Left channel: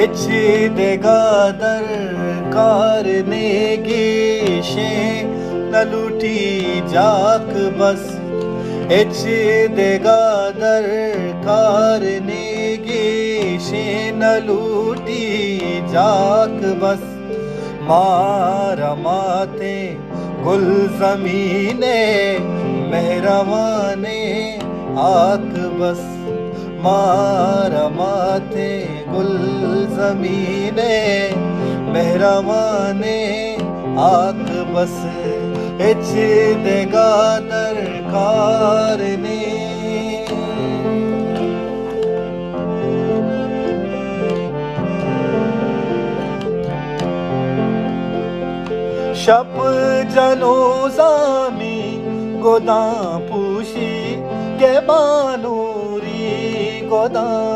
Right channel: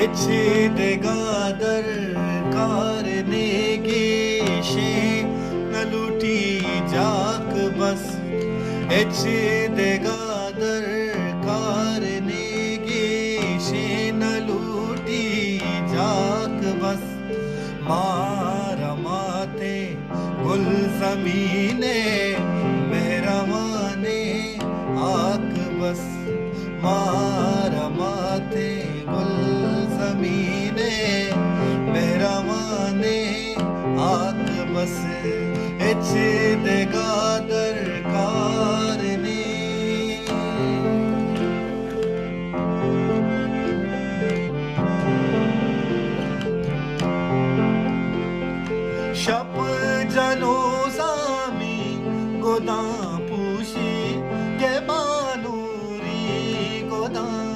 ಎಚ್ಚಿದೆಗಾದರ್ ಕಾರನೆಗೆ ಶೇ ನಲುಟಿ Jack bus ಎಚ್ಚಿದೆಗಾದರ್ ಕಾರನೆಗೆ ಶೇ ನಲುಟಿ Jack bus مارا ماتے گل زمینے مہروانے آک بس مارا ماتے گل زمینے مہروانے آک بس اچ دگا درکار نے شب جنوزامی گوداں پوشی کے بانوری گوداں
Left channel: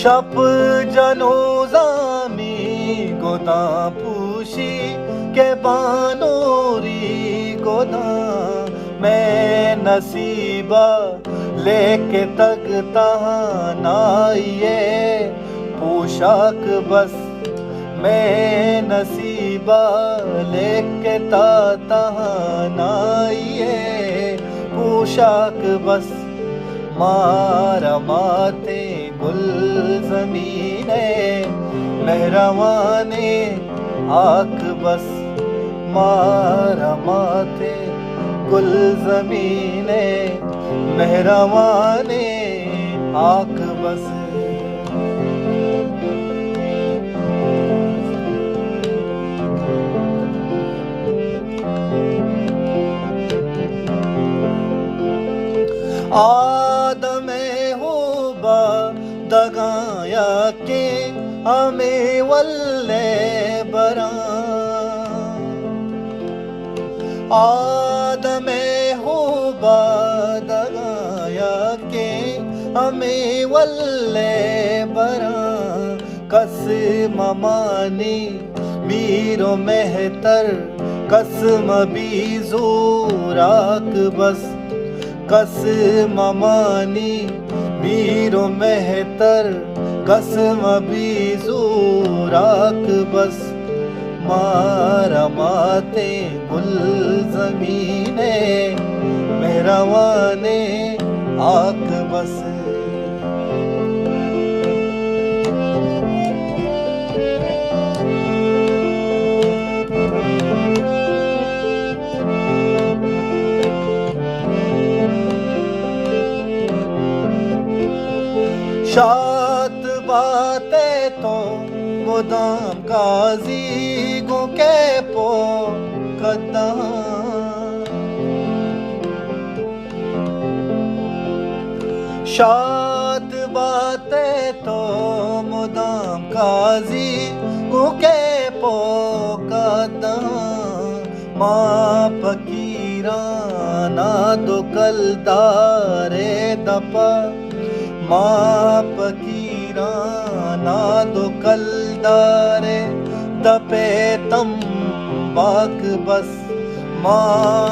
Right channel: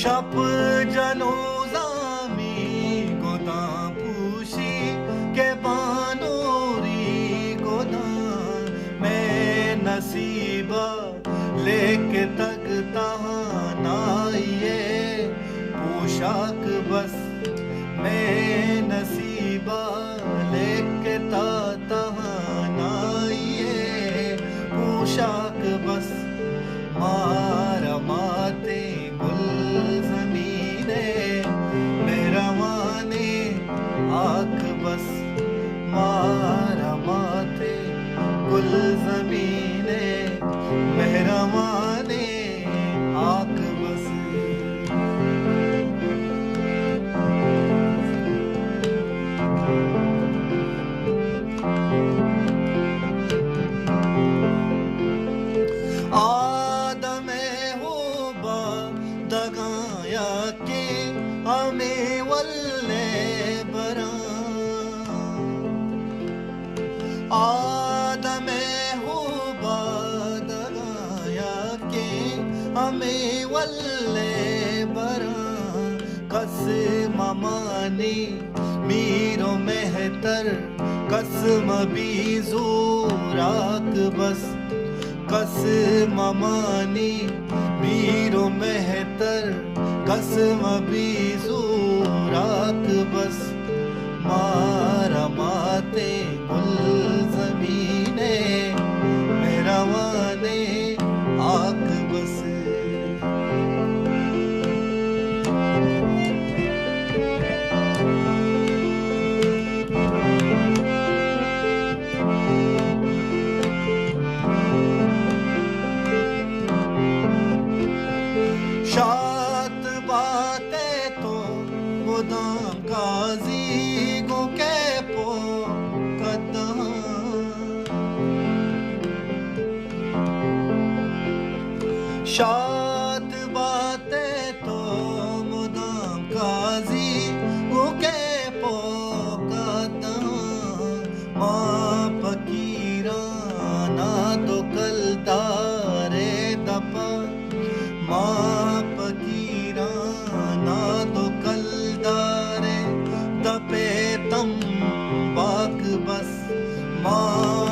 شب جنوزامی گوداں پوشی کے بانوری گوداں میں نصیبہ لے کے تگتا نائیے پوشاک بس میں نصیبہ لے کے تہنائیے پوشاک بس مارا ماتے گل زمینے مہروانے آک بس مارا ماتے گل زمینے مہروانے آک بس آدم ہوبا دگایا کے ہمیں ولے بران آدم ہوبا دگایا کے ہمیں ولے بران قسم مانی میر و مہتر قسم بھی زوراک بس قسم مانی میر و مہتر قسم بھی زوراک بس مارا ماتے گل زمینے مہروانے آک بس شاد باتیں تو مدام قاضی گو کے پو قدم شاد باتیں تو مدام قاضی گو کے پو قدم ماں فقیرانا دو کلدار دپا ماں فقیرانا دو کلدار دپے تم باک بس ماں